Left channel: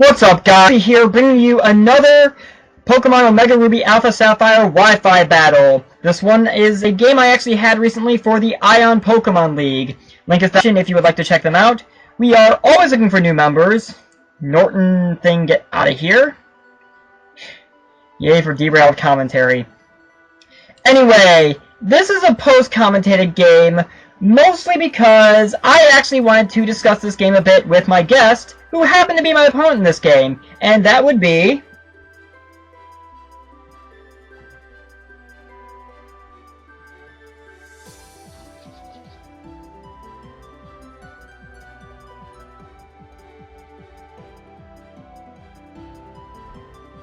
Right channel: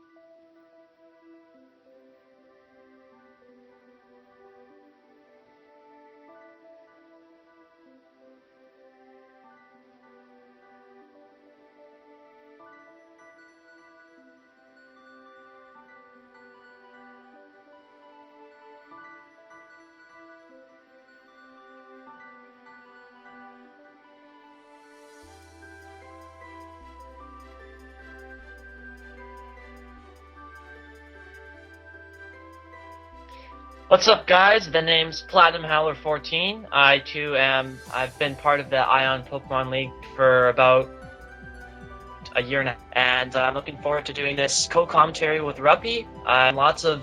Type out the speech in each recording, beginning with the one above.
What's up, guys? Here bringing you another Pokemon Omega Ruby Alpha Sapphire Wi-Fi battle. This one is a game I actually had recently for the Ion Pokemon League. Link is in the description if you would like to check them out. We are always looking for new members. Norton thing, get out of here. Yay for derailed commentary. Anyway, this is a post-commentated game, mostly because I actually wanted to discuss this game a bit with my guest, who happened to be my opponent in this game, and that would be... What's up, guys? The name's Platinum Howler 14. I've been part of the Ion Pokemon League for about a year now, and I'm looking forward to doing this co-commentary with Ruppy. Lots of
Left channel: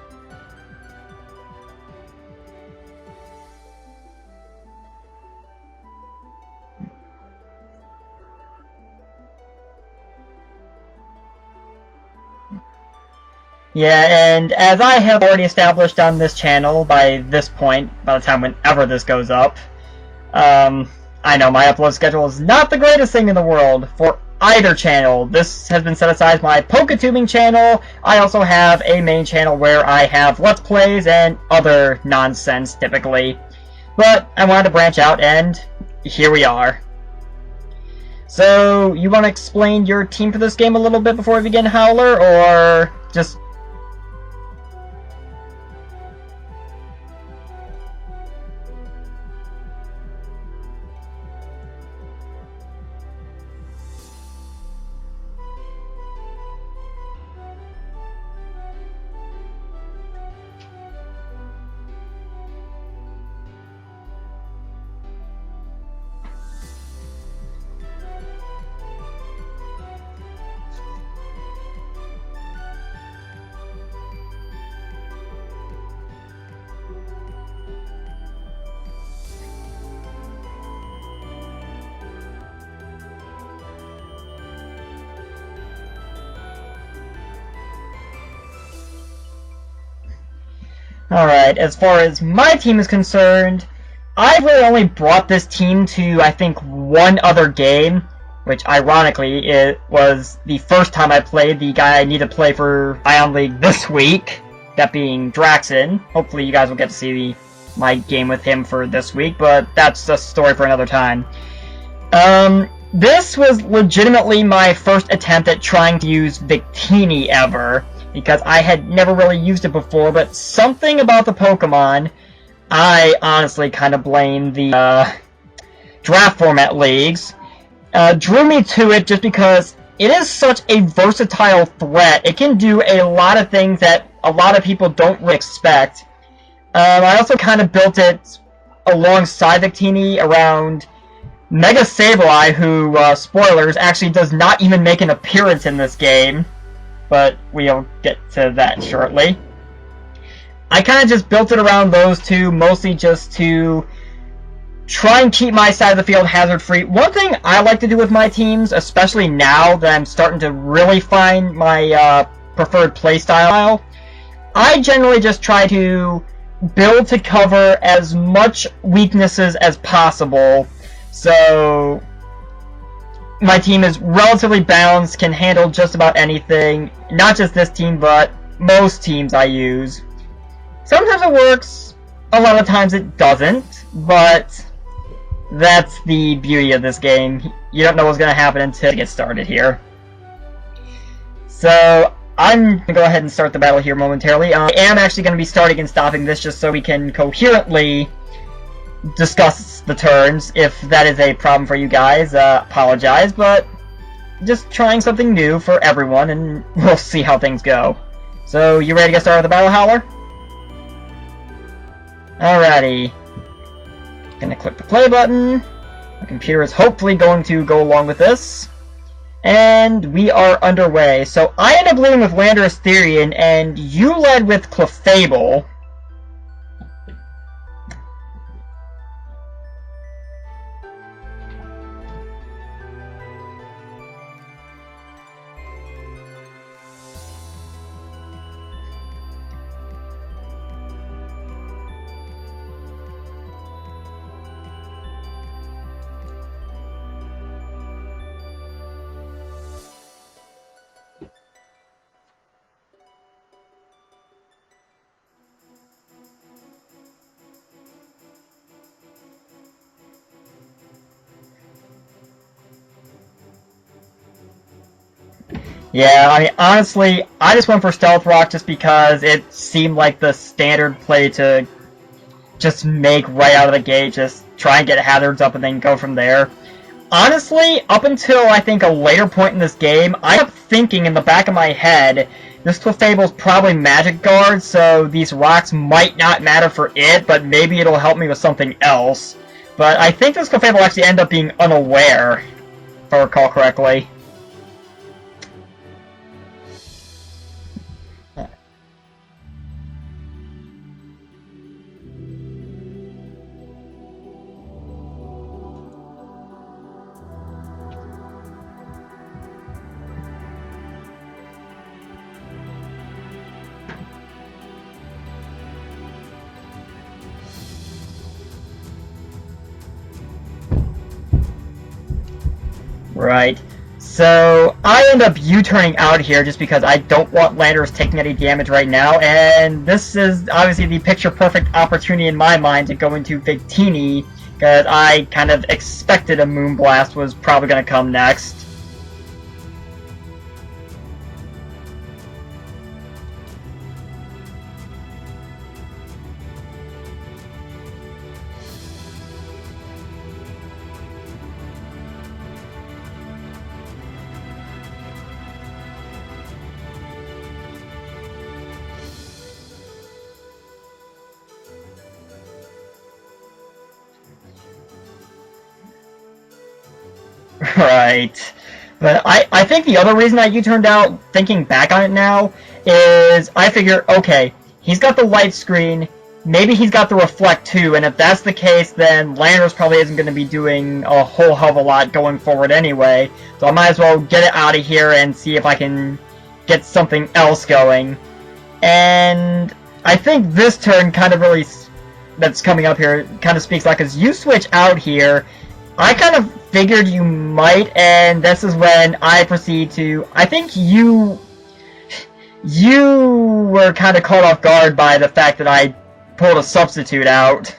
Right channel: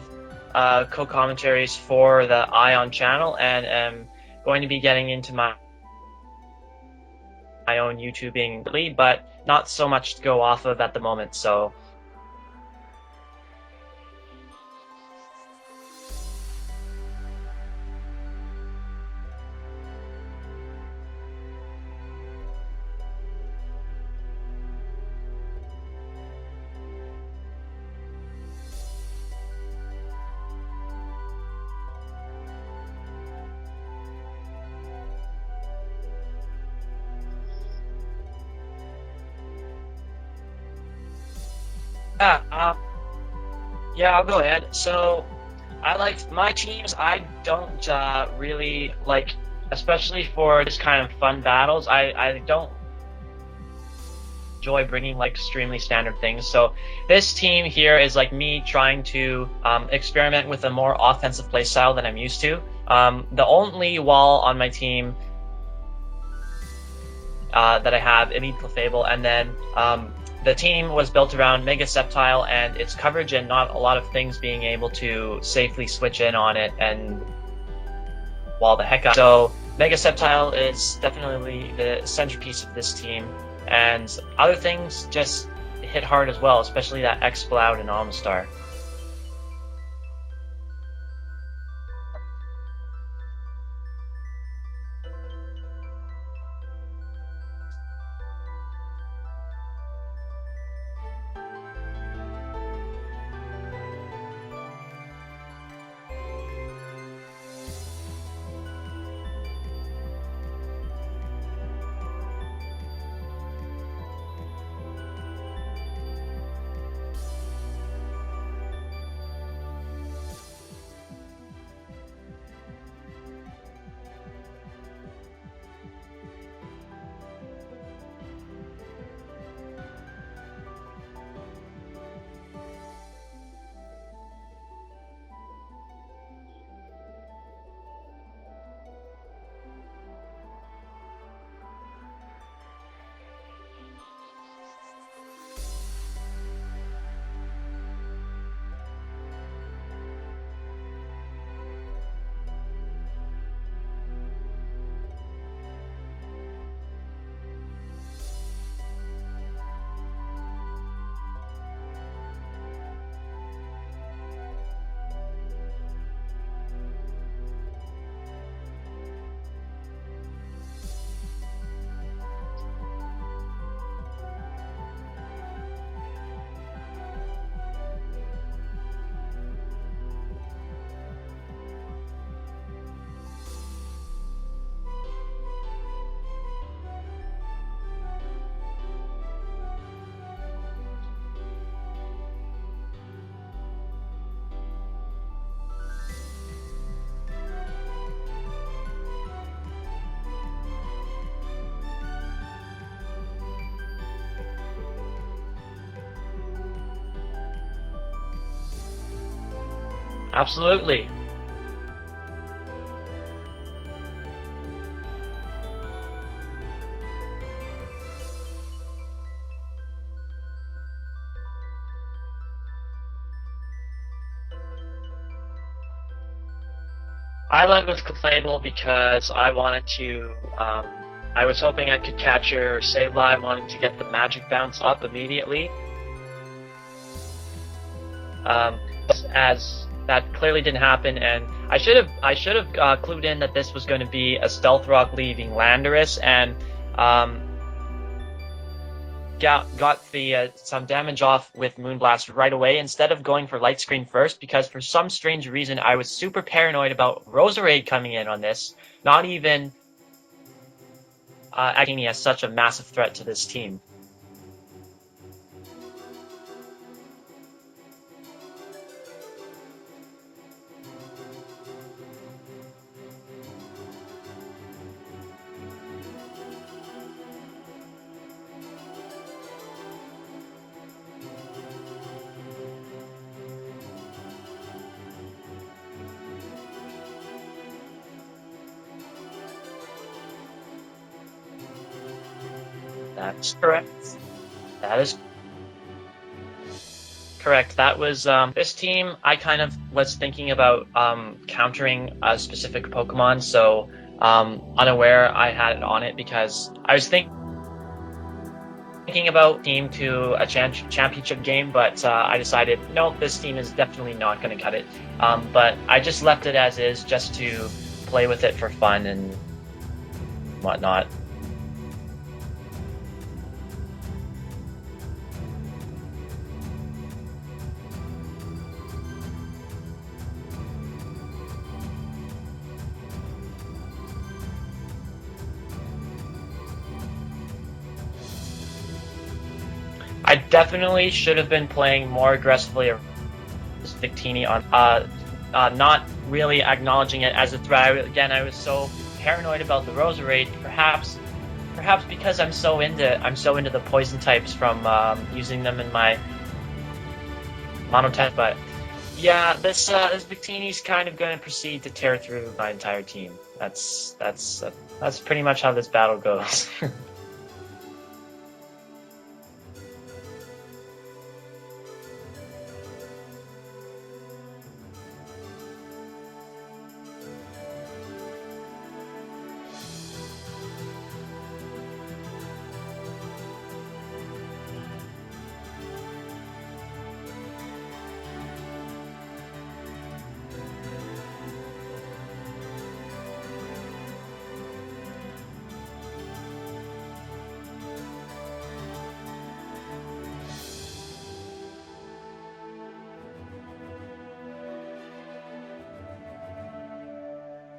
co-commentaries for the Ion channel, and am going to be getting into my own YouTubing, but not so much to go off of at the moment, so... Yeah, and as I have already established on this channel by this point, by the time whenever this goes up, I know my upload schedule is not the greatest thing in the world for either channel. This has been set aside as my PokeTubing channel. I also have a main channel where I have Let's Plays and other nonsense, typically. But I wanted to branch out, and here we are. So, you want to explain your team for this game a little bit before we begin, Howler, or just... Yeah, I'll go ahead. So, I like my teams. I don't really like, especially for this kind of fun battles, I don't enjoy bringing like extremely standard things. So, this team here is like me trying to experiment with a more offensive playstyle than I'm used to. The only wall on my team that I have, Elite Clefable, and then the team was built around Mega Sceptile and its coverage and not a lot of things being able to safely switch in on it and wall the heck up. So Mega Sceptile is definitely the centerpiece of this team, and other things just hit hard as well, especially that Exploud and Omastar. Alright, as far as my team is concerned, I've really only brought this team to, I think, one other game, which, ironically, it was the first time I played the guy I need to play for Ion League this week, that being Draxen. Hopefully you guys will get to see my game with him for this week, but that's a story for another time. This was legitimately my first attempt at trying to use Victini ever, because I had never really used it before, but something about the Pokemon... I honestly kind of blame the draft format leagues. Drew me to it just because it is such a versatile threat. It can do a lot of things that a lot of people don't really expect. I also kind of built it alongside Victini around Mega Sableye, who, spoilers, actually does not even make an appearance in this game. But we'll get to that shortly. I kind of just built it around those two, mostly just to try and keep my side of the field hazard-free. One thing I like to do with my teams, especially now that I'm starting to really find my preferred playstyle, I generally just try to build to cover as much weaknesses as possible. So my team is relatively balanced, can handle just about anything. Not just this team, but most teams I use. Sometimes it works, a lot of times it doesn't, but that's the beauty of this game. You don't know what's going to happen until you get started here. So, I'm going to go ahead and start the battle here momentarily. I am actually going to be starting and stopping this just so we can coherently discuss the turns. If that is a problem for you guys, apologize, but just trying something new for everyone, and we'll see how things go. So, you ready to get started with the battle, Howler? Absolutely. Alrighty. Gonna click the play button. The computer is hopefully going to go along with this. And we are underway. So I ended up leading with Landorus Therian, and you led with Clefable. I led with Clefable because I wanted to, I was hoping I could catch your Sableye, wanting to get the magic bounce up immediately. As that clearly didn't happen, and I should have clued in that this was going to be a Stealth Rock leaving Landorus, and got the some damage off with Moonblast right away instead of going for Light Screen first, because for some strange reason I was super paranoid about Roserade coming in on this, not even acting as such a massive threat to this team. Yeah, I mean, honestly, I just went for Stealth Rock just because it seemed like the standard play to just make right out of the gate, just try and get hazards up and then go from there. Honestly, up until I think a later point in this game, I kept thinking in the back of my head, this Clefable's probably Magic Guard, so these rocks might not matter for it, but maybe it'll help me with something else. But I think this Clefable actually ended up being unaware, if I recall correctly. That is correct. That was this team. I kind of was thinking about countering a specific Pokemon, so unaware I had it on it because I was thinking about team to a championship game, but I decided no, this team is definitely not going to cut it. But I just left it as is, just to play with it for fun and whatnot. Right. So I end up U-turning out here just because I don't want Landorus taking any damage right now, and this is obviously the picture-perfect opportunity in my mind to go into Victini, because I kind of expected a Moonblast was probably going to come next. I definitely should have been playing more aggressively as Victini on not really acknowledging it as a threat. Again, I was so paranoid about the Roserade, perhaps because I'm so into the poison types from using them in my monotype. But yeah, this Victini's kind of going to proceed to tear through my entire team. That's pretty much how this battle goes. Right. But I think the other reason I U-turned out, thinking back on it now, is I figure, okay, he's got the light screen, maybe he's got the reflect too, and if that's the case, then Landorus probably isn't going to be doing a whole hell of a lot going forward anyway, so I might as well get it out of here and see if I can get something else going. And I think this turn kind of really, that's coming up here, kind of speaks like, as you switch out here, I kind of figured you might, and this is when I proceed to, I think you were kind of caught off guard by the fact that I pulled a substitute out.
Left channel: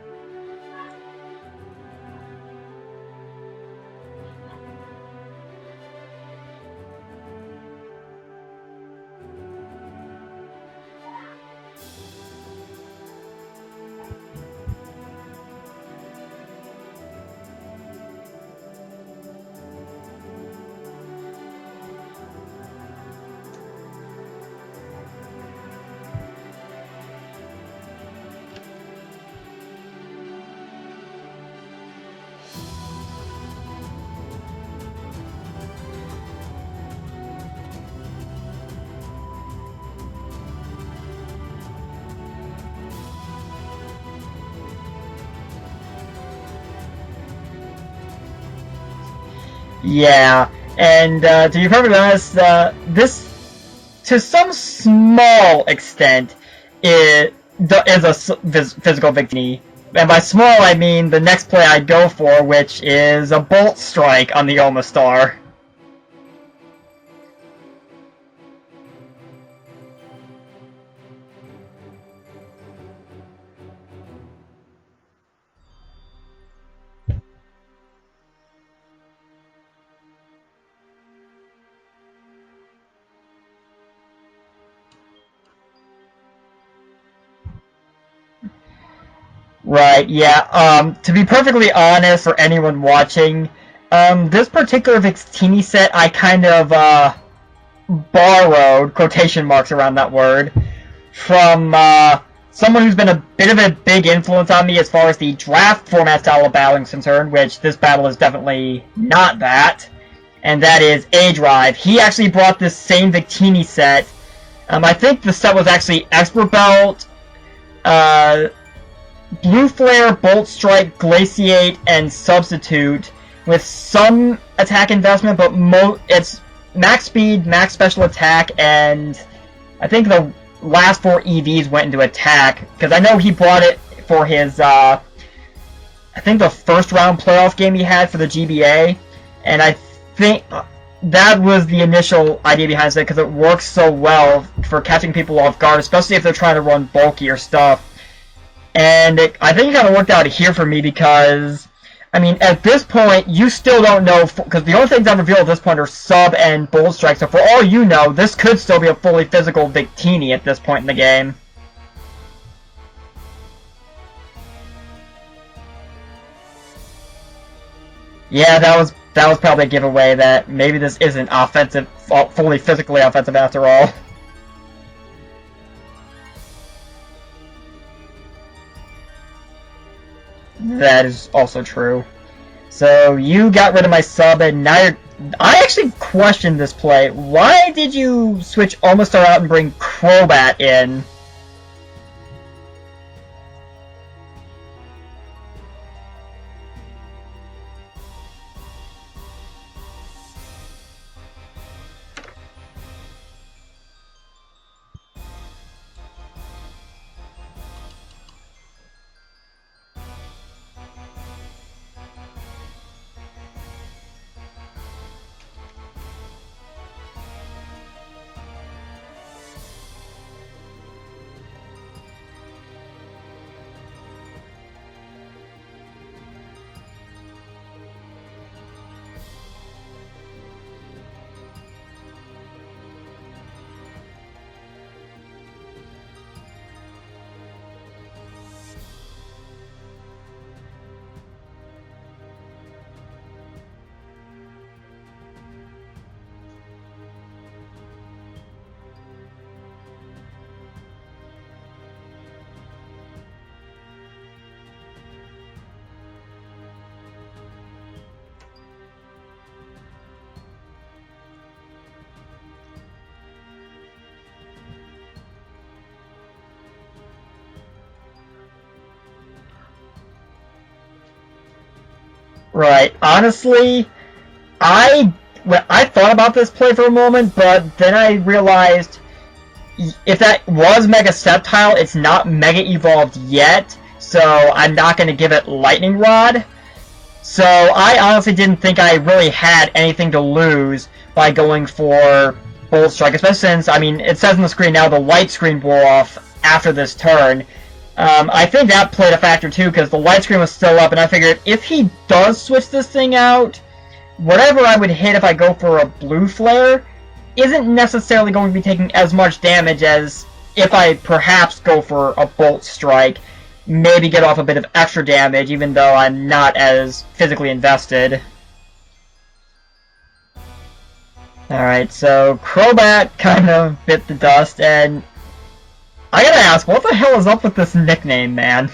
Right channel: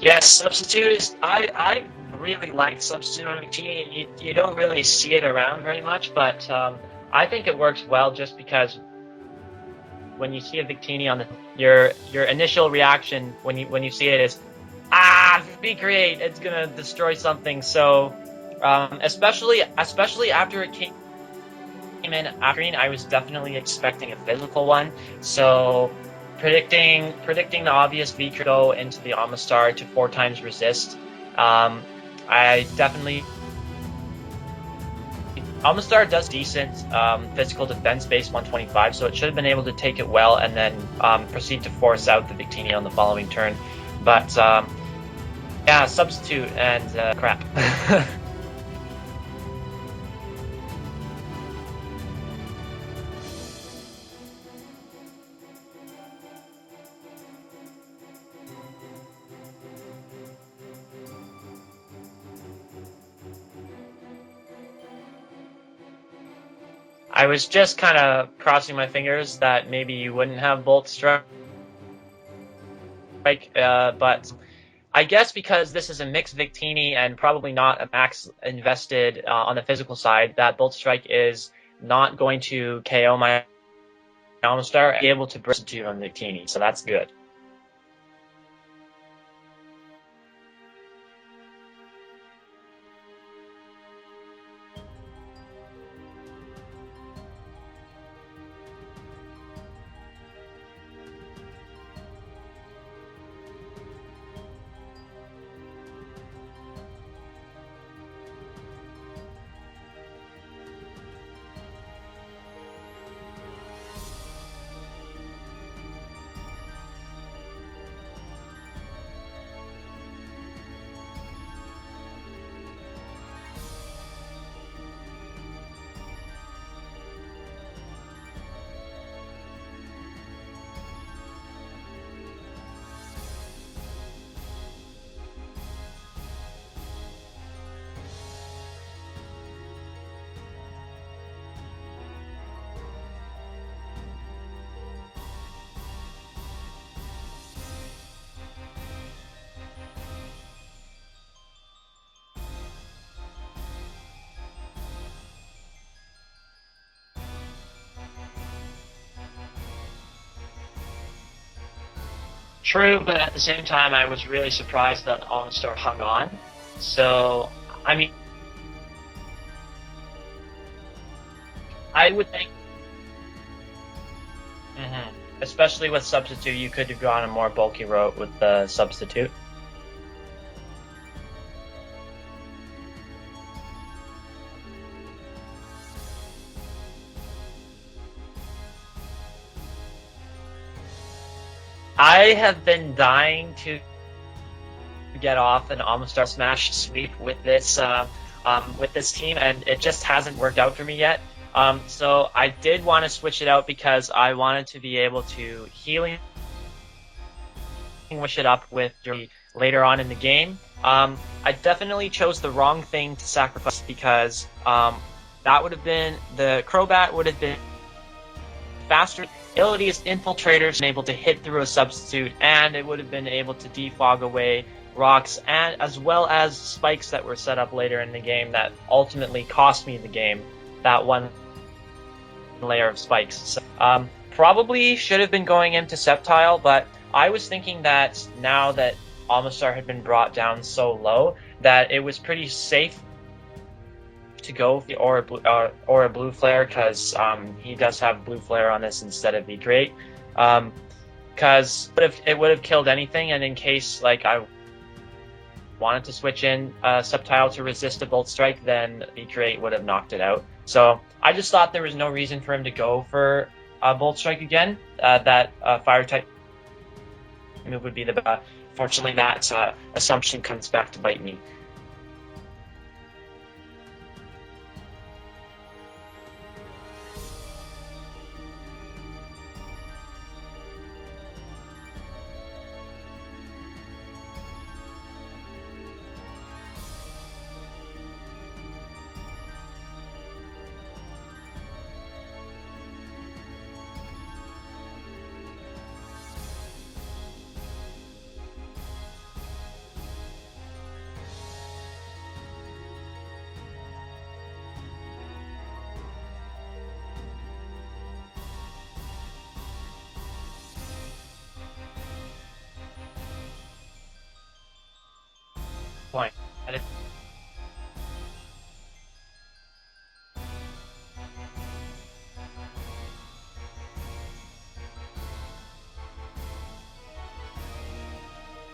Yes, substitute is, I really like substitute on Victini. You don't really see it around very much, but I think it works well just because when you see a Victini on your initial reaction when you see it is, be great, it's gonna destroy something. So especially after it came in after green, I was definitely expecting a physical one. So predicting the obvious V go into the Amistar to 4 times resist. I definitely, Amistar does decent physical defense base 125, so it should have been able to take it well and then proceed to force out the Victini on the following turn. But yeah, substitute and crap. Yeah, and to be perfectly honest, this, to some small extent, is a physical Victini. And by small, I mean the next play I'd go for, which is a Bolt Strike on the Omastar. I was just kind of crossing my fingers that maybe you wouldn't have Bolt Strike, but I guess because this is a mixed Victini and probably not a max invested on the physical side, that Bolt Strike is not going to KO my Omastar and be able to burst to on Victini, so that's good. Right, yeah. To be perfectly honest, for anyone watching, this particular Victini set I kind of borrowed, quotation marks around that word, from someone who's been a bit of a big influence on me as far as the draft format style of battling is concerned, which this battle is definitely not that, and that is A-Drive. He actually brought this same Victini set. I think the set was actually Expert Belt, Blue Flare, Bolt Strike, Glaciate, and Substitute, with some attack investment, but it's max speed, max special attack, and I think the last 4 EVs went into attack, because I know he brought it for his, I think the first round playoff game he had for the GBA, And I think that was the initial idea behind it, because it works so well for catching people off guard, especially if they're trying to run bulkier stuff. And I think it kind of worked out here for me because, I mean, at this point, you still don't know, because the only things I've revealed at this point are sub and bolt strike, so for all you know, this could still be a fully physical Victini at this point in the game. True, but at the same time, I was really surprised that Omastar hung on. So, I mean... Yeah, that was probably a giveaway that maybe this isn't offensive, fully physically offensive after all. Especially with Substitute, you could have gone a more bulky route with the Substitute. That is also true. So, you got rid of my sub, and now you're... I actually questioned this play. Why did you switch Omastar out and bring Crobat in? I have been dying to get off an Omastar Smash sweep with this team, and it just hasn't worked out for me yet. So I did want to switch it out because I wanted to be able to healing switch it up with later on in the game. I definitely chose the wrong thing to sacrifice because that would have been the Crobat would have been faster. Abilities, infiltrators, and able to hit through a substitute, and it would have been able to defog away rocks, and as well as spikes that were set up later in the game that ultimately cost me the game. That one layer of spikes. So, probably should have been going into Sceptile, but I was thinking that now that Omastar had been brought down so low, that it was pretty safe to go or a blue flare, because he does have blue flare on this instead of V-Crate, because it would have killed anything, and in case like I wanted to switch in Sceptile to resist a Bolt Strike, then V-Crate would have knocked it out. So I just thought there was no reason for him to go for Bolt Strike again. That Fire type move would be the best. Fortunately, that assumption comes back to bite me. Right. Honestly, I thought about this play for a moment, but then I realized if that was Mega Sceptile, it's not Mega Evolved yet, so I'm not going to give it Lightning Rod. So I honestly didn't think I really had anything to lose by going for Bolt Strike, especially since, I mean, it says on the screen now the white screen wore off after this turn. I think that played a factor too, because the white screen was still up, and I figured if he does switch this thing out, whatever I would hit if I go for a blue flare isn't necessarily going to be taking as much damage as if I perhaps go for a Bolt Strike, maybe get off a bit of extra damage, even though I'm not as physically invested. Alright, so Crobat kind of bit the dust, and I gotta ask, what the hell is up with this nickname, man?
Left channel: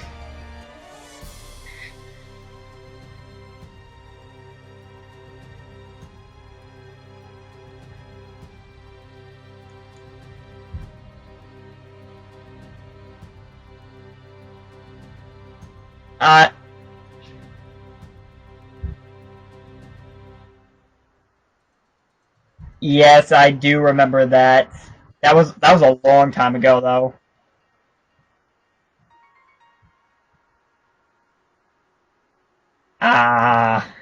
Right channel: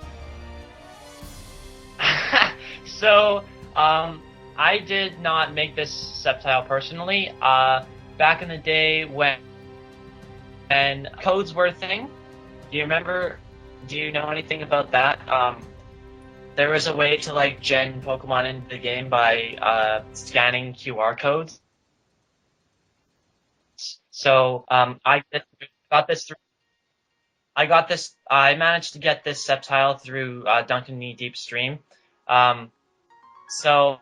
So, I did not make this Sceptile personally. Back in the day when codes were a thing, do you remember? Do you know anything about that? There was a way to like gen Pokemon into the game by scanning QR codes. Yes, I do remember that. That was a long time ago, though. I managed to get this Sceptile through Duncan Knee Deep Stream. So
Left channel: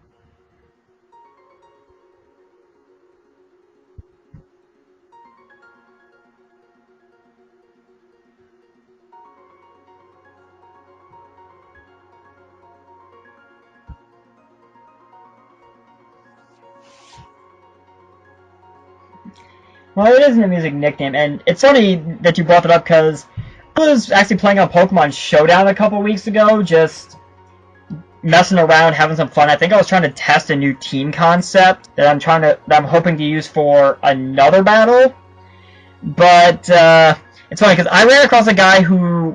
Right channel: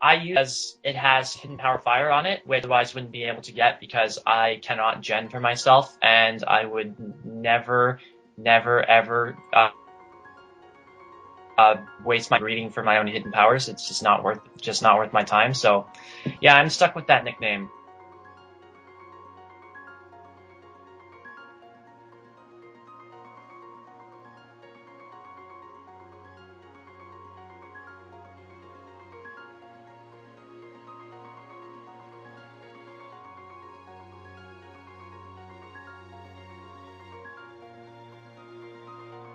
I use as it has Hidden Power Fire on it, which otherwise wouldn't be able to get because I cannot gen for myself, and I would never ever waste my breeding for my own hidden powers. It's just not worth my time. So yeah, I'm stuck with that nickname. Well, it is an amusing nickname, and it's funny that you brought it up because I was actually playing on Pokemon Showdown a couple weeks ago, just messing around, having some fun. I think I was trying to test a new team concept that I'm hoping to use for another battle. But it's funny because I ran across a guy who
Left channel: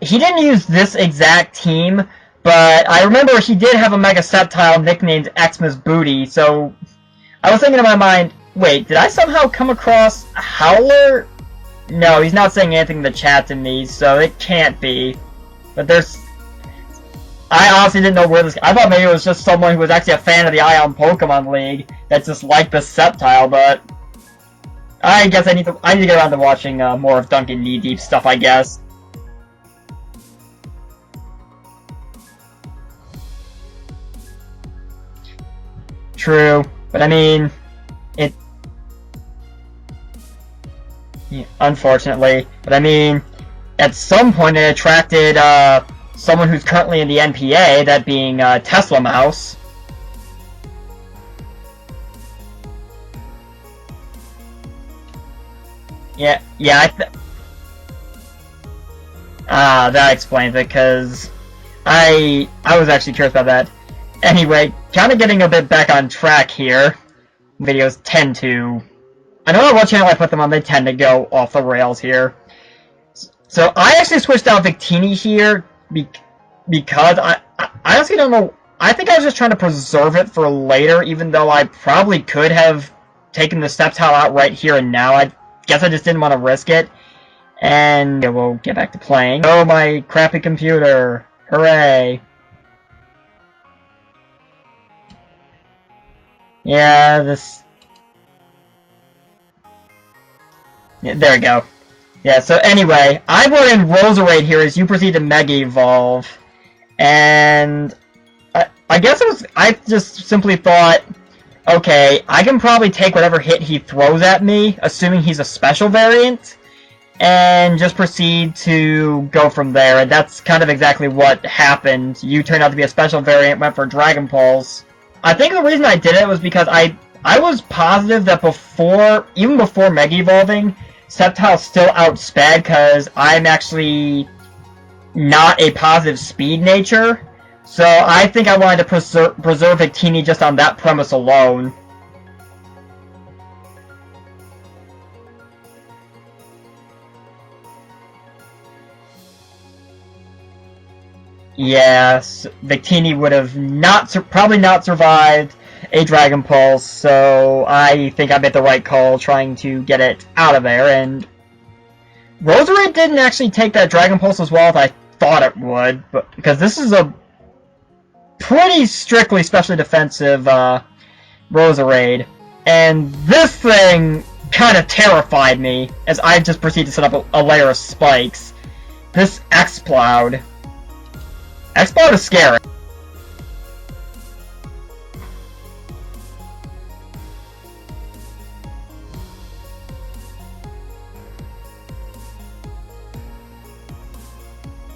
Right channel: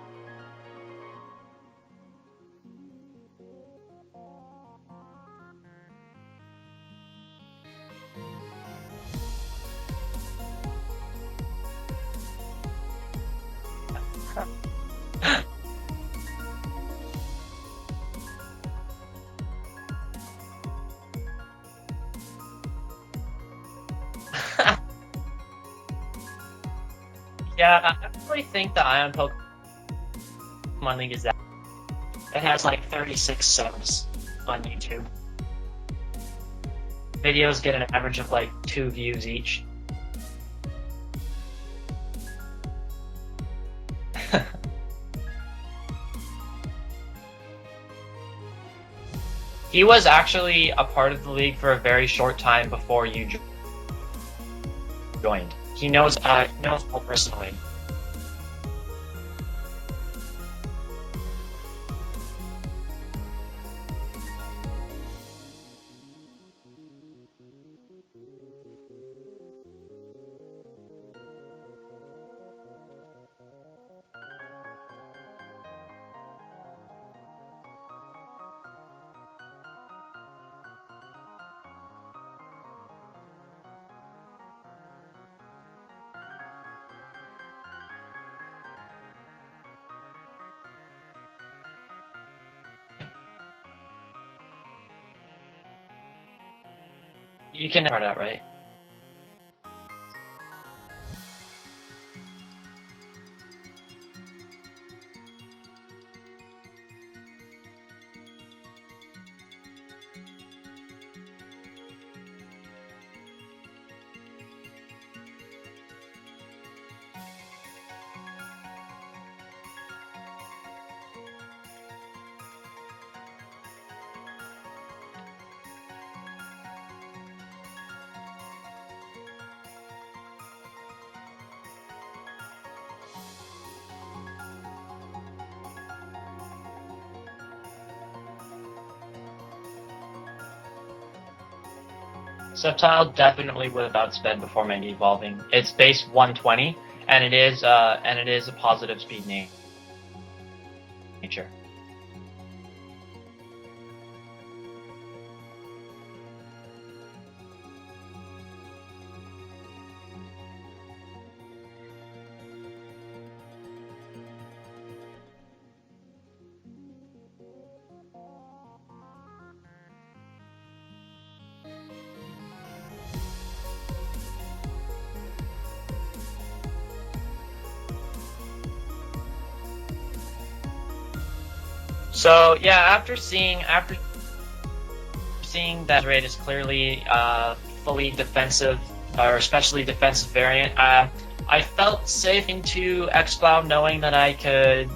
he didn't use this exact team, but I remember he did have a Mega Sceptile nicknamed Xmas Booty. So I was thinking in my mind, wait, did I somehow come across Howler? No, he's not saying anything in the chat to me, so it can't be. But I honestly didn't know where this... I thought maybe it was just someone who was actually a fan of the Ion Pokemon League that just liked the Sceptile, but... I guess I need to get around to watching more of Duncan Knee Deep stuff, I guess. The Ion Pokemon League is that. It has like 36 subs. on YouTube. True, but I mean, Videos get an average of like 2 views each. yeah, unfortunately, but I mean, at some point it attracted someone who's currently in the NPA, that being Tesla Mouse. He was actually a part of the league for a very short time before you joined. He knows personally. That explains it, because I was actually curious about that. Anyway, kind of getting a bit back on track here. Videos tend to... I know on what channel I put them on, they tend to go off the rails here. So I actually switched out Victini here because I honestly don't know. I think I was just trying to preserve it for later, even though I probably could have taken the Sceptile out right here and now. I guess I just didn't want to risk it. And yeah, we'll get back to playing. Oh, my crappy computer. Hooray. Yeah, this... You can start out, right? Yeah, there we go. Yeah, so anyway, I brought in Roserade here as you proceed to Mega Evolve. And I guess it was... I just simply thought, okay, I can probably take whatever hit he throws at me, assuming he's a special variant, and just proceed to go from there. And that's kind of exactly what happened. You turned out to be a special variant, went for Dragon Pulse. I think the reason I did it was because I was positive that even before Mega Evolving, Sceptile still outsped, because I'm actually not a positive speed nature. So I think I wanted to preserve Victini just on that premise alone. Sceptile definitely would have outsped before Mega Evolving. It's base 120, and it is a positive speed nature. Yes, Victini would have probably not survived a Dragon Pulse, so I think I made the right call trying to get it out of there. And Roserade didn't actually take that Dragon Pulse as well as I thought it would, because this is a pretty strictly specially defensive Roserade, and this thing kind of terrified me as I just proceeded to set up a layer of spikes. This Exploud. Exploud is scary. Yeah, after seeing that Roserade is clearly fully defensive, or especially defensive variant, I felt safe into Exploud, knowing that I could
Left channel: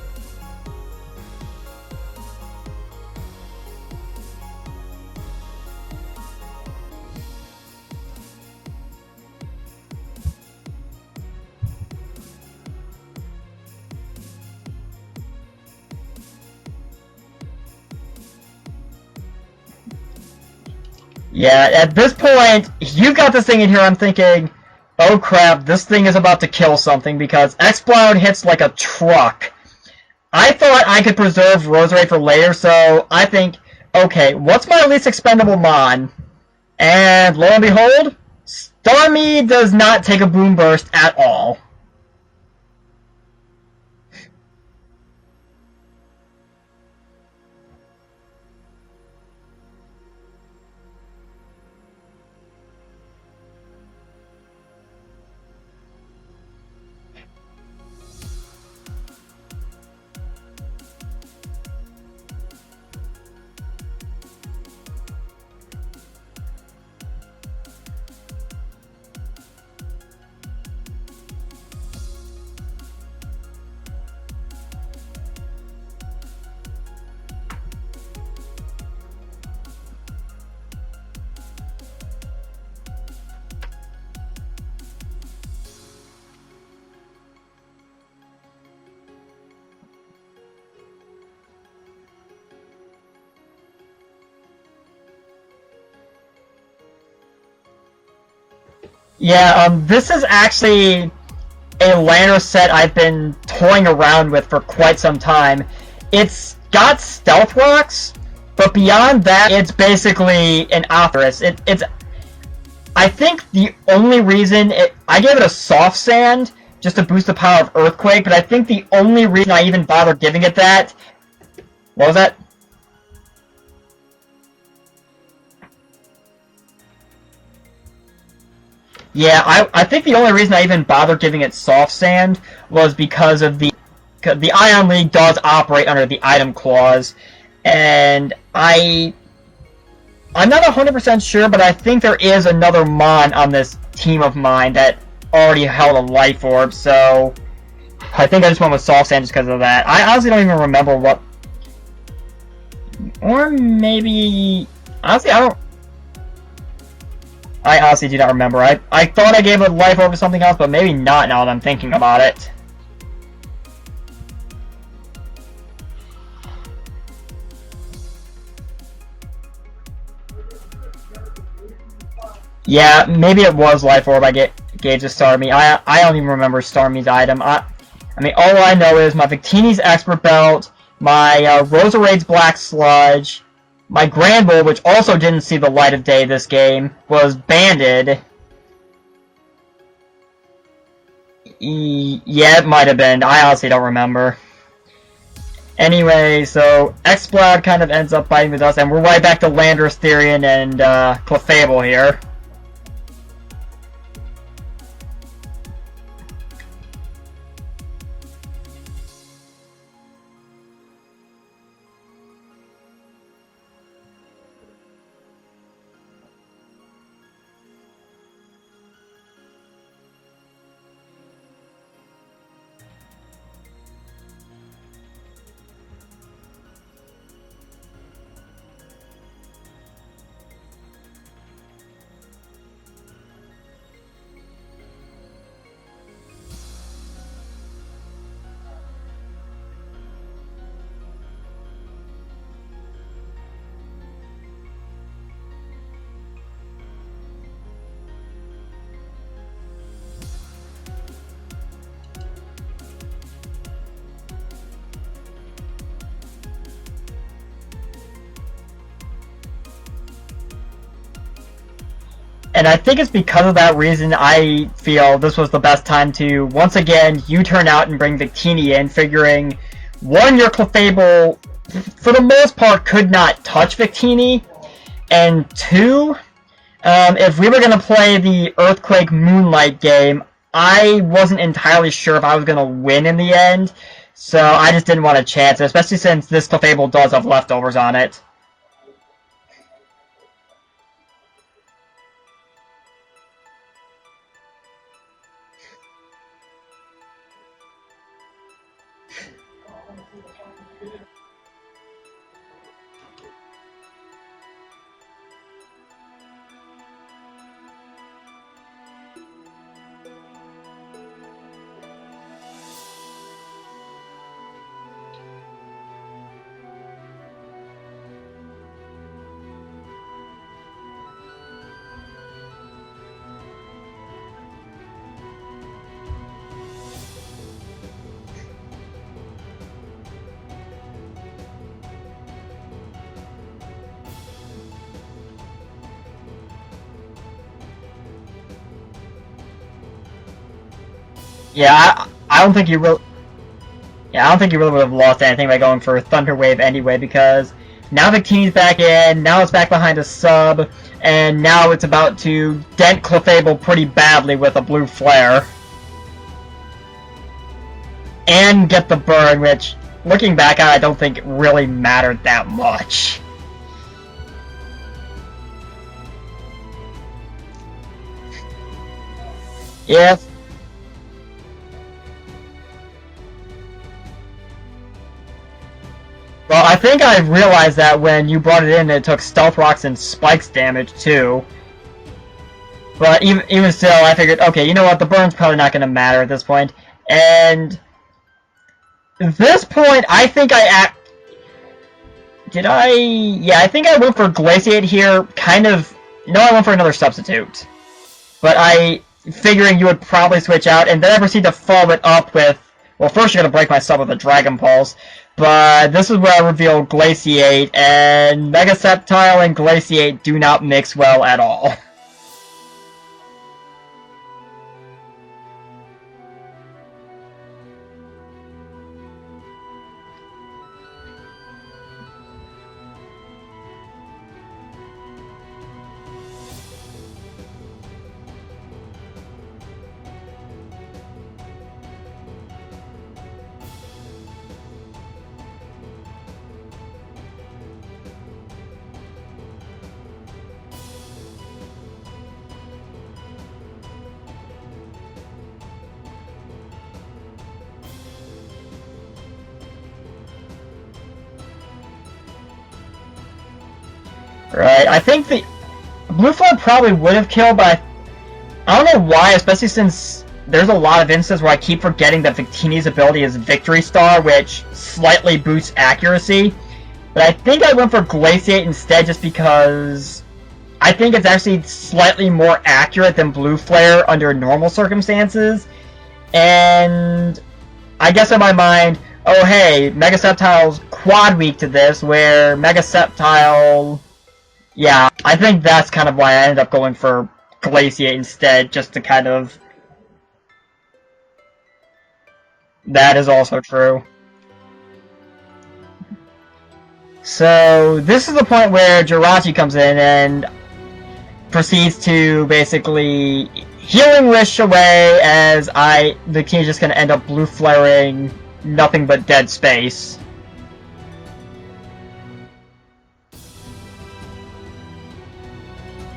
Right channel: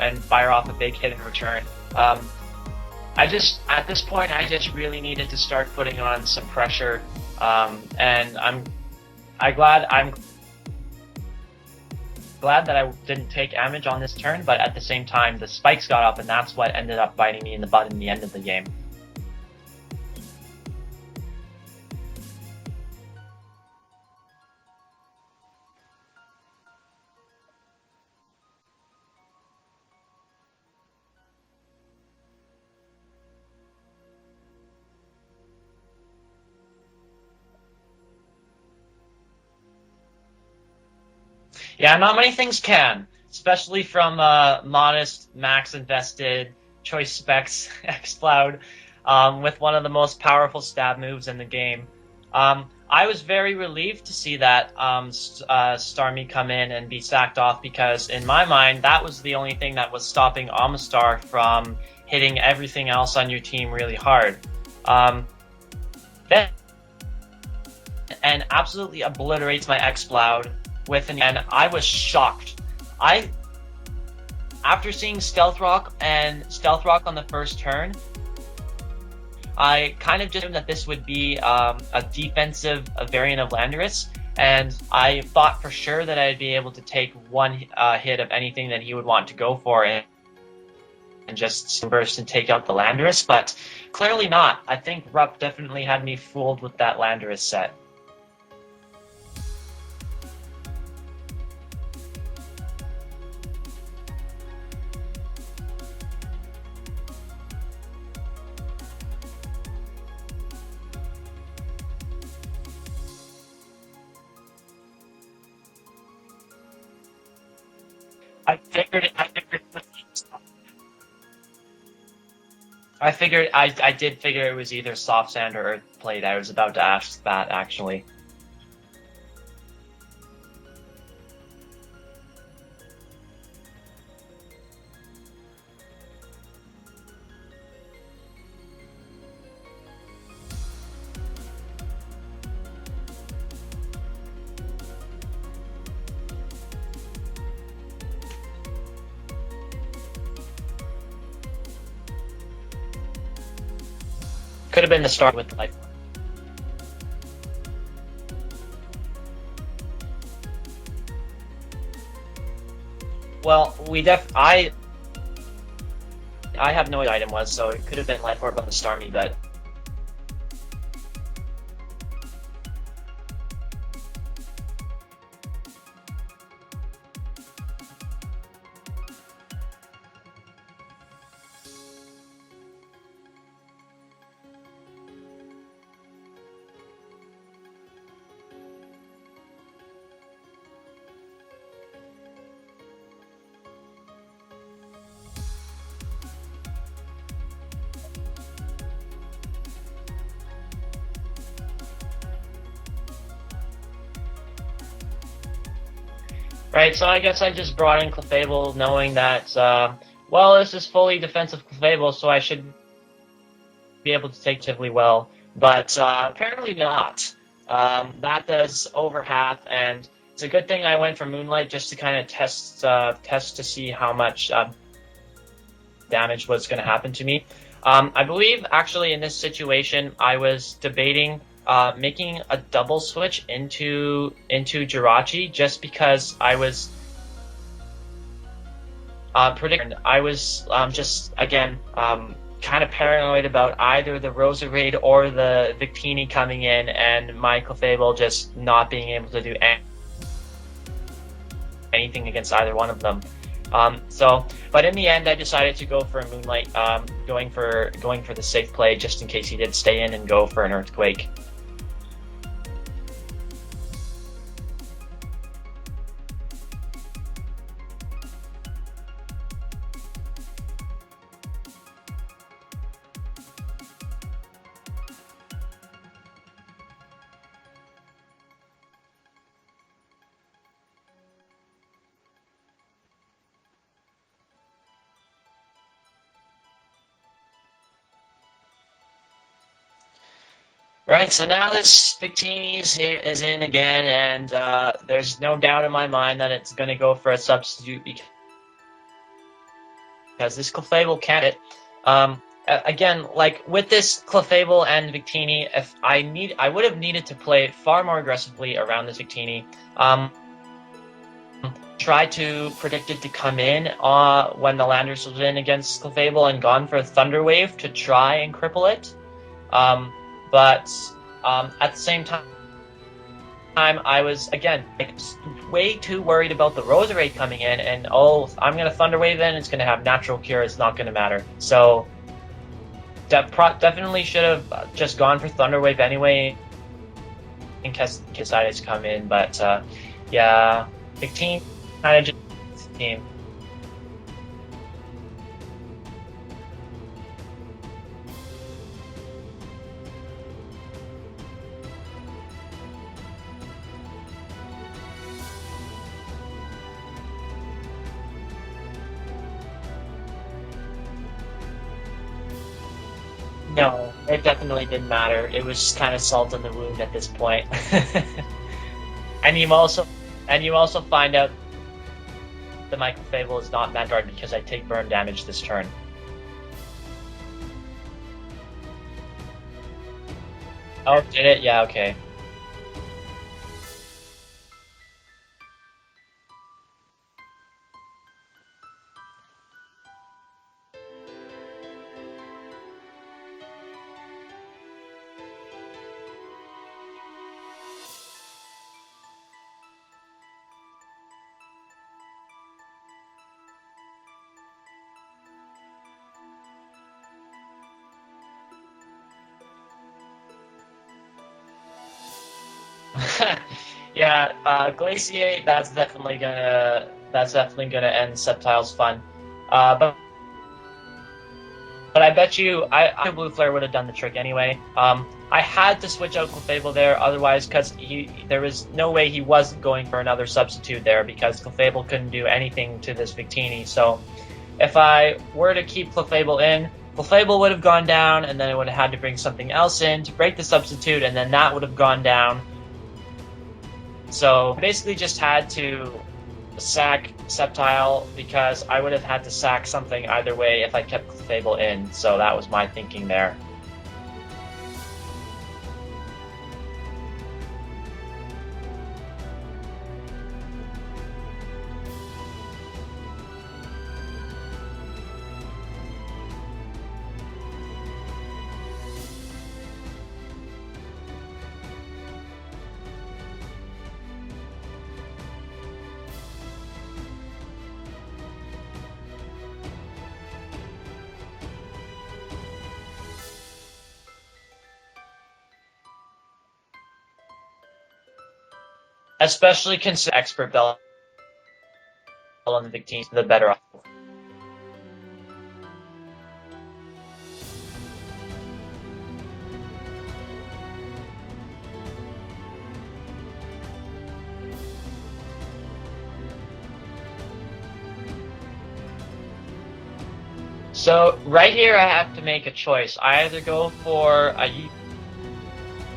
and fire off a big hit in return. At this point, I just really needed to start putting on some pressure, and I'm glad that I didn't take damage on this turn, but at the same time, the spikes got up, and that's what ended up biting me in the butt in the end of the game. Yeah, at this point, you got this thing in here, I'm thinking, oh crap, this thing is about to kill something, because Exploud hits like a truck. I thought I could preserve Roserade for later, so I think, okay, what's my least expendable Mon? And lo and behold, Starmie does not take a Boom Burst at all. Yeah, not many things can, especially from modest, max-invested, choice specs Exploud, with one of the most powerful stab moves in the game. I was very relieved to see that Starmie come in and be sacked off, because in my mind, that was the only thing that was stopping Amistar from hitting everything else on your team really hard. And absolutely obliterates my Exploud and I was shocked. After seeing Stealth Rock on the first turn, I kind of just assumed that this would be a defensive variant of Landorus, and I thought for sure that I'd be able to take one hit of anything that he would want to go for and just burst and take out the Landorus, but clearly not. I think Rupp definitely had me fooled with that Landorus set. Yeah, this is actually a Landorus set I've been toying around with for quite some time. It's got Stealth Rocks, but beyond that, it's basically an Ophrys. I think the only reason I gave it a Soft Sand just to boost the power of Earthquake, but I think the only reason I even bothered giving it that... What was that? I did figure it was either Soft Sand or Earthplate. I was about to ask that, actually. Yeah, I think the only reason I even bothered giving it Soft Sand was because of the 'cause the Ion League does operate under the item clause, and I'm not 100% sure, but I think there is another Mon on this team of mine that already held a Life Orb, so I think I just went with Soft Sand just because of that. I honestly don't even remember what... Or maybe... Could have been the honestly, start. I honestly do not remember. I thought I gave a Life Orb to something else, but maybe not now that I'm thinking about it. Well, I have no idea what item was, so it could have been Life Orb on the Starmie, but... Yeah, maybe it was Life Orb I gave to Starmie. I don't even remember Starmie's item. I mean, all I know is my Victini's Expert Belt, my Roserade's Black Sludge, my Granbull, which also didn't see the light of day this game, was banded. Yeah, it might have been. I honestly don't remember. Anyway, so Exploud kind of ends up fighting with us, and we're right back to Landorus, Therian, and Clefable here. Right, so I guess I just brought in Clefable knowing that, well, this is fully defensive Clefable, so I should be able to take Tivoli well. But apparently not. That does over half, and it's a good thing I went for Moonlight just to kind of test to see how much damage was going to happen to me. I believe, actually, in this situation, I was debating making a double switch into Jirachi just because I was predicting. I was just again kind of paranoid about either the Roserade or the Victini coming in, and my Clefable just not being able to do anything against either one of them. But in the end, I decided to go for a Moonlight, going for the safe play just in case he did stay in and go for an Earthquake. And I think it's because of that reason I feel this was the best time to, once again, U-turn out and bring Victini in, figuring, one, your Clefable, for the most part, could not touch Victini, and two, if we were going to play the Earthquake Moonlight game, I wasn't entirely sure if I was going to win in the end, so I just didn't want to chance it, especially since this Clefable does have leftovers on it. Right, so now this Victini is in again, and there's no doubt in my mind that it's going to go for a substitute because this Clefable can't hit. Again, like with this Clefable and Victini, if I would have needed to play far more aggressively around this Victini. Try to predict it to come in when the Landorus was in against Clefable and gone for a Thunder Wave to try and cripple it. But at the same time, I was, again, way too worried about the Roserade coming in, and I'm going to Thunder Wave in, it's going to have Natural Cure, it's not going to matter. So, definitely should have just gone for Thunder Wave anyway, in case Kisadis come in, but, yeah, Victini kind of just... I don't think you really... Yeah, I don't think you really would have lost anything by going for Thunder Wave anyway, because now Victini's back in, now it's back behind a sub, and now it's about to dent Clefable pretty badly with a Blue Flare. And get the burn, which, looking back on it, I don't think it really mattered that much. No, it definitely didn't matter. It was kind of salt in the wound at this point. And you also find out that my Clefable is not Vanguard because I take burn damage this turn. Well, I think I realized that when you brought it in, it took Stealth Rocks and Spikes damage, too. Oh, did it? Yeah, okay. But even still, I figured, okay, you know what, the burn's probably not going to matter at this point. And at this point, I think I I think I went for Glaciate here, kind of... No, I went for another substitute. But figuring you would probably switch out, and then I proceed to follow it up with... Well, first you're going to break my sub with a Dragon Pulse. But this is where I reveal Glaciate, and Mega Sceptile and Glaciate do not mix well at all. Yeah, Glaciate, that's definitely gonna end Sceptile's fun. But But I bet you, I Blue Flare would have done the trick anyway. I had to switch out Clefable there, otherwise, because there was no way he wasn't going for another substitute there, because Clefable couldn't do anything to this Victini. So if I were to keep Clefable in, Clefable would have gone down, and then I would have had to bring something else in to break the substitute, and then that would have gone down. So basically just had to sack Sceptile, because I would have had to sack something either way if I kept Clefable in. So that was my thinking there. Right, I think the Blue Flare probably would have killed, but I don't know why, especially since there's a lot of instances where I keep forgetting that Victini's ability is Victory Star, which slightly boosts accuracy. But I think I went for Glaciate instead, just because I think it's actually slightly more accurate than Blue Flare under normal circumstances. And I guess in my mind, oh hey, Mega Sceptile's quad weak to this, where Mega Sceptile... Yeah, I think that's kind of why I ended up going for Glaciate instead, just to kind of... Especially consider Expert Bell. That is also true. So, this is the point where Jirachi comes in and proceeds to basically Healing Wish away, as the king is just going to end up blue flaring nothing but dead space. So, right here I have to make a choice. I either go for a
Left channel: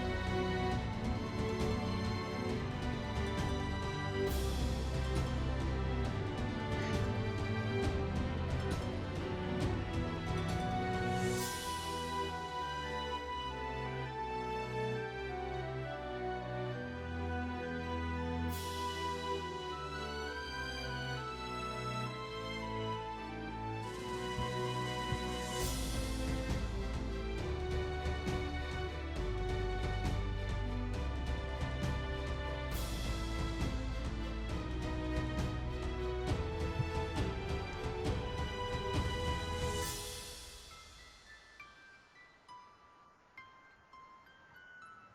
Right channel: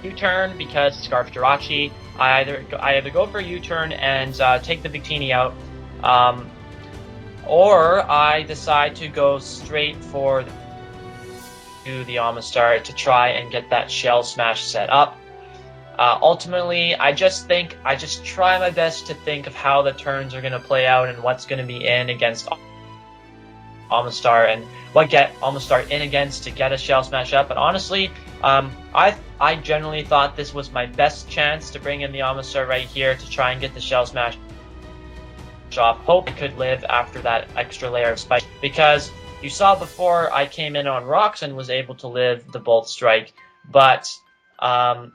U-turn because Scarf Jirachi, I either go for a U-turn and take the Victini out, or I decide to go straight for the Amistar to try and get that Shell Smash set up. Ultimately, I just try my best to think of how the turns are going to play out and what's going to be in against Amistar and what get Amistar in against to get a Shell Smash up. But honestly, I generally thought this was my best chance to bring in the Amistar right here to try and get the Shell Smash off. Hope it could live after that extra layer of spike, because you saw before I came in on rocks and was able to live the Bolt Strike, but the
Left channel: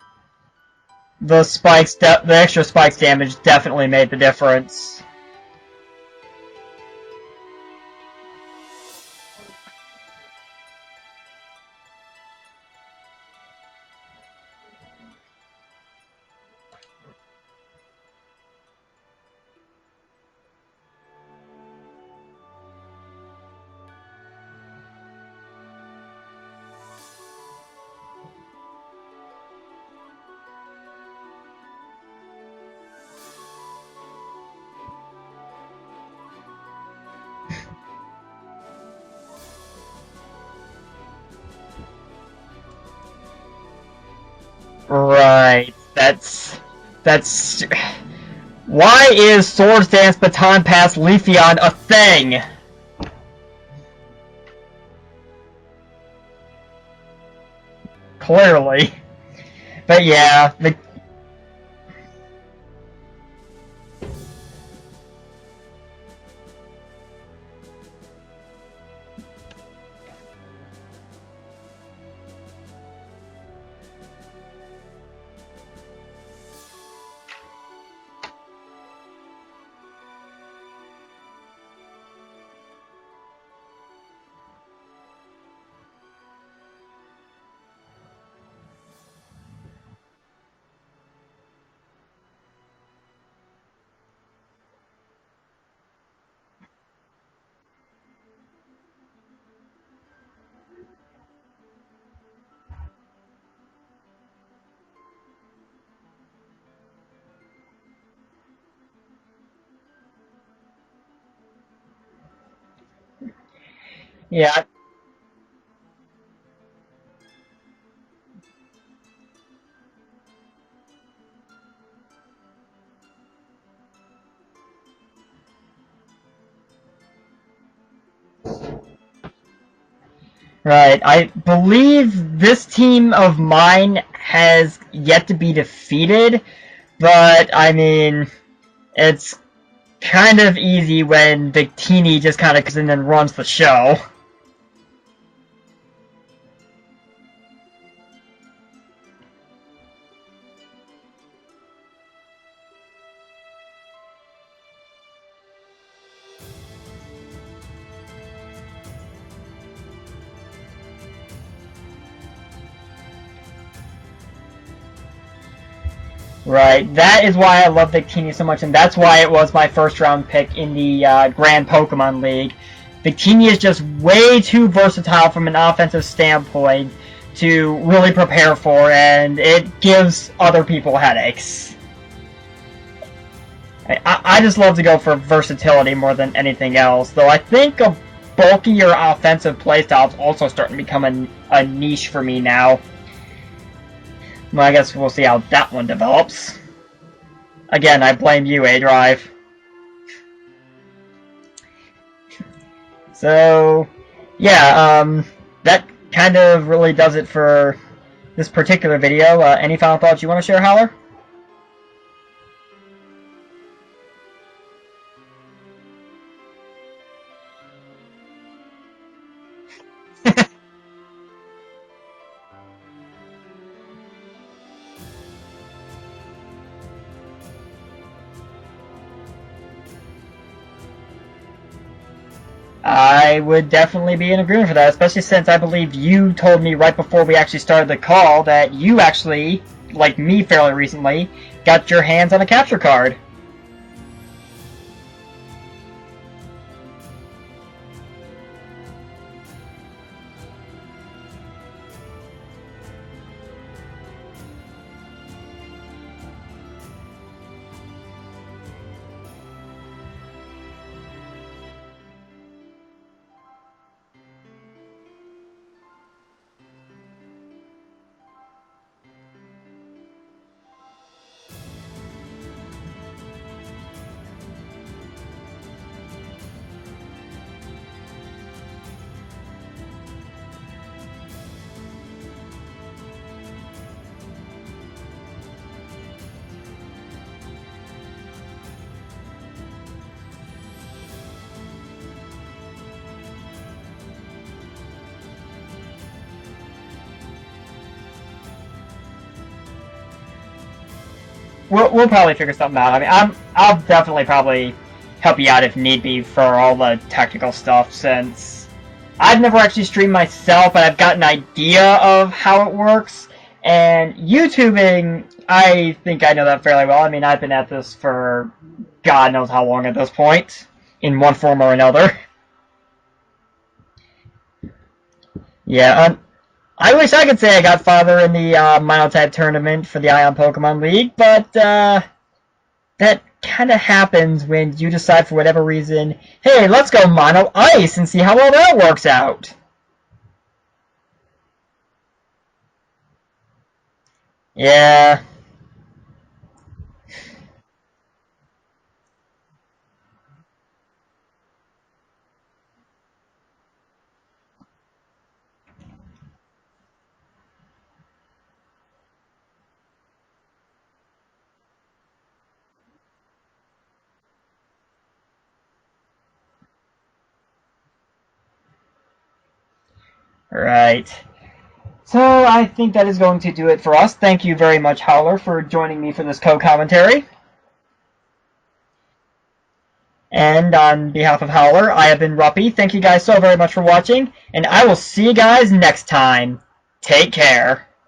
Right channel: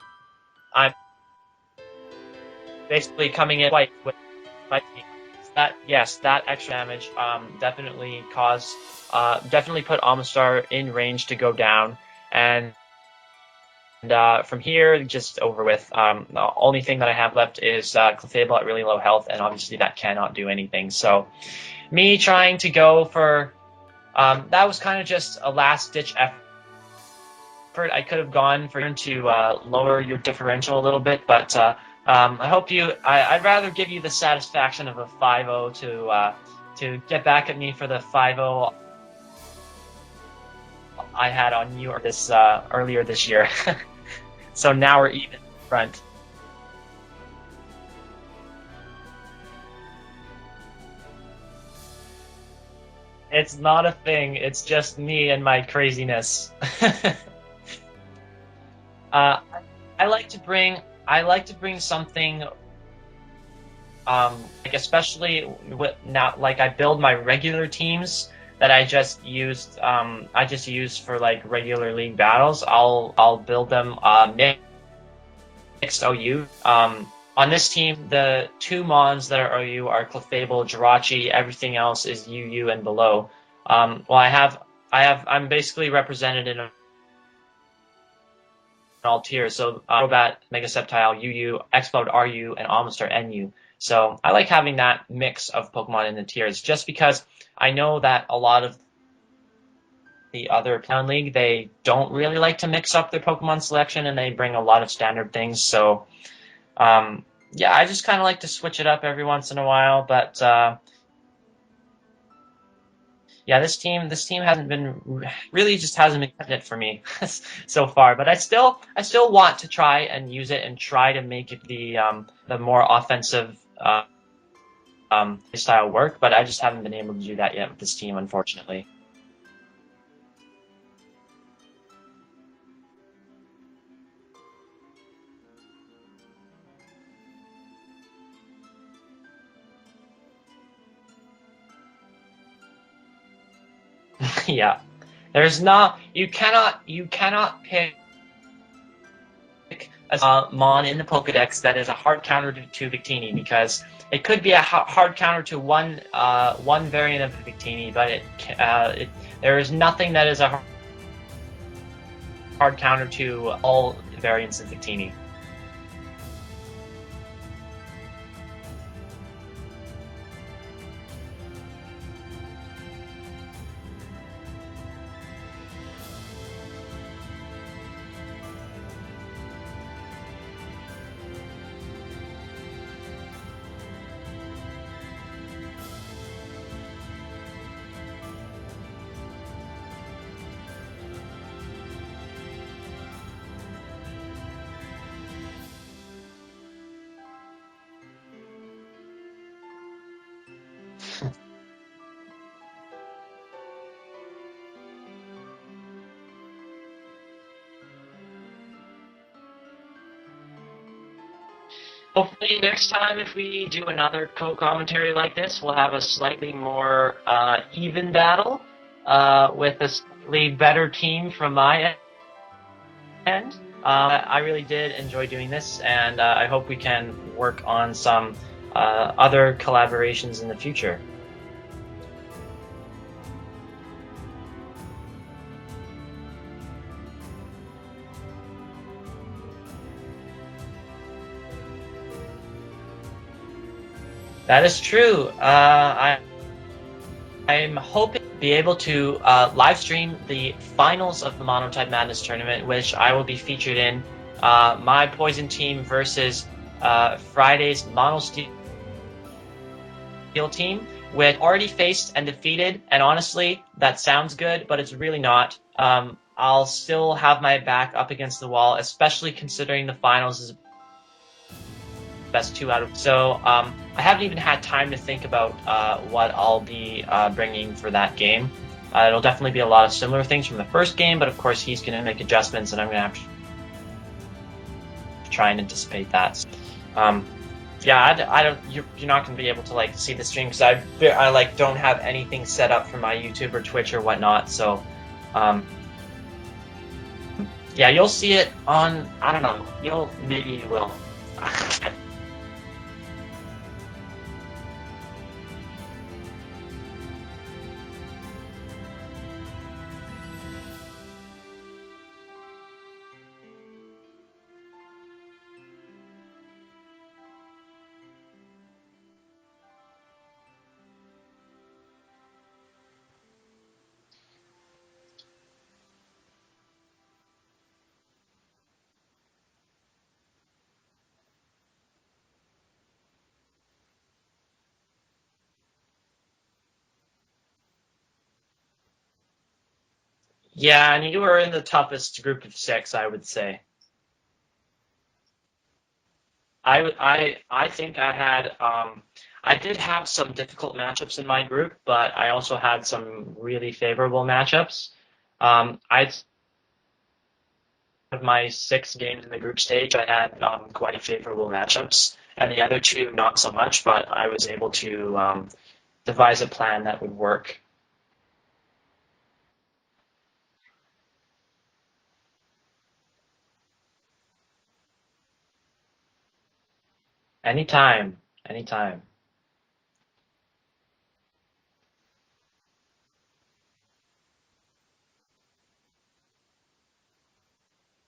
extra spikes damage definitely made the difference. That extra damage definitely definitely put Amistar in range to go down, and from here just over with. The only thing that I have left is Clefable at really low health, and obviously that cannot do anything. So me trying to go for that was kind of just a last-ditch effort. I could have gone for to lower your differential a little bit, but I hope I'd rather give you the satisfaction of a 5-0 to get back at me for the 5-0 I had on you earlier this year. So now we're right. Front. That's why is Swords Dance Baton Pass Leafeon a thing? It's not a thing. It's just me and my craziness. Clearly. But I like to bring something, like especially now, like I build my regular teams that I just used for like regular league battles. I'll build them mixed OU. On this team, the two Mons that are OU are Clefable, Jirachi. Everything else is UU and below. I'm basically represented in all tiers. So Crobat, Mega Sceptile, UU, Explode, RU, and Amistar NU. So I like having that mix of Pokemon in the tiers, just because I know that a lot of the other Town League, they don't really like to mix up their Pokemon selection, and they bring a lot of standard things. So I just kind of like to switch it up every once in a while. But this team hasn't been cutting it for me so far. But I still want to try and use it and try to make it the more offensive style work. But I just haven't been able to do that yet with this team, unfortunately. Right. I believe this team of mine has yet to be defeated, but I mean, it's kind of easy when Victini just kind of comes in and runs the show. Yeah. You cannot pick a Mon in the Pokedex that is a hard counter to Victini, because it could be a hard counter to one variant of Victini, but there is nothing that is a hard counter to all variants of Victini. Right, that is why I love Victini so much, and that's why it was my first round pick in the Grand Pokemon League. Victini is just way too versatile from an offensive standpoint to really prepare for, and it gives other people headaches. I just love to go for versatility more than anything else, though I think a bulkier offensive playstyle is also starting to become a niche for me now. Well, I guess we'll see how that one develops. Again, I blame you, A-Drive. So, yeah, that kind of really does it for this particular video. Any final thoughts you want to share, Howler? Hopefully next time, if we do another co-commentary like this, we'll have a slightly more even battle with a slightly better team from my end. I really did enjoy doing this, and I hope we can work on some other collaborations in the future. I would definitely be in agreement for that, especially since I believe you told me right before we actually started the call that you actually, like me fairly recently, got your hands on a capture card. That is true. I'm hoping to be able to live stream the finals of the Monotype Madness tournament, which I will be featured in. My Poison team versus Friday's Mono Steel team, which already faced and defeated. And honestly, that sounds good, but it's really not. I'll still have my back up against the wall, especially considering the finals is best 2 out of. So I haven't even had time to think about what I'll be bringing for that game. It'll definitely be a lot of similar things from the first game, but of course he's going to make adjustments, and I'm going to have to try and anticipate that. Yeah, I don't. You're not going to be able to like see the stream because I like don't have anything set up for my YouTube or Twitch or whatnot. So, yeah, you'll see it on. I don't know. Maybe you will. We'll probably figure something out. I mean, I'll definitely probably help you out if need be for all the technical stuff, since I've never actually streamed myself, but I've got an idea of how it works. And YouTubing, I think I know that fairly well. I mean, I've been at this for God knows how long at this point, in one form or another. Yeah, I wish I could say I got farther in the Monotype tournament for the Ion Pokemon League, but that kind of happens when you decide for whatever reason, hey, let's go Mono Ice and see how well that works out. Yeah, and you were in the toughest group of 6, I would say. Yeah. I think I had I did have some difficult matchups in my group, but I also had some really favorable matchups. I'd of my 6 games in the group stage, I had quite favorable matchups, and the other 2 not so much, but I was able to devise a plan that would work. Right. So I think that is going to do it for us. Thank you very much, Howler, for joining me for this co-commentary. Anytime. And on behalf of Howler, I have been Ruppy. Thank you guys so very much for watching, and I will see you guys next time. Take care.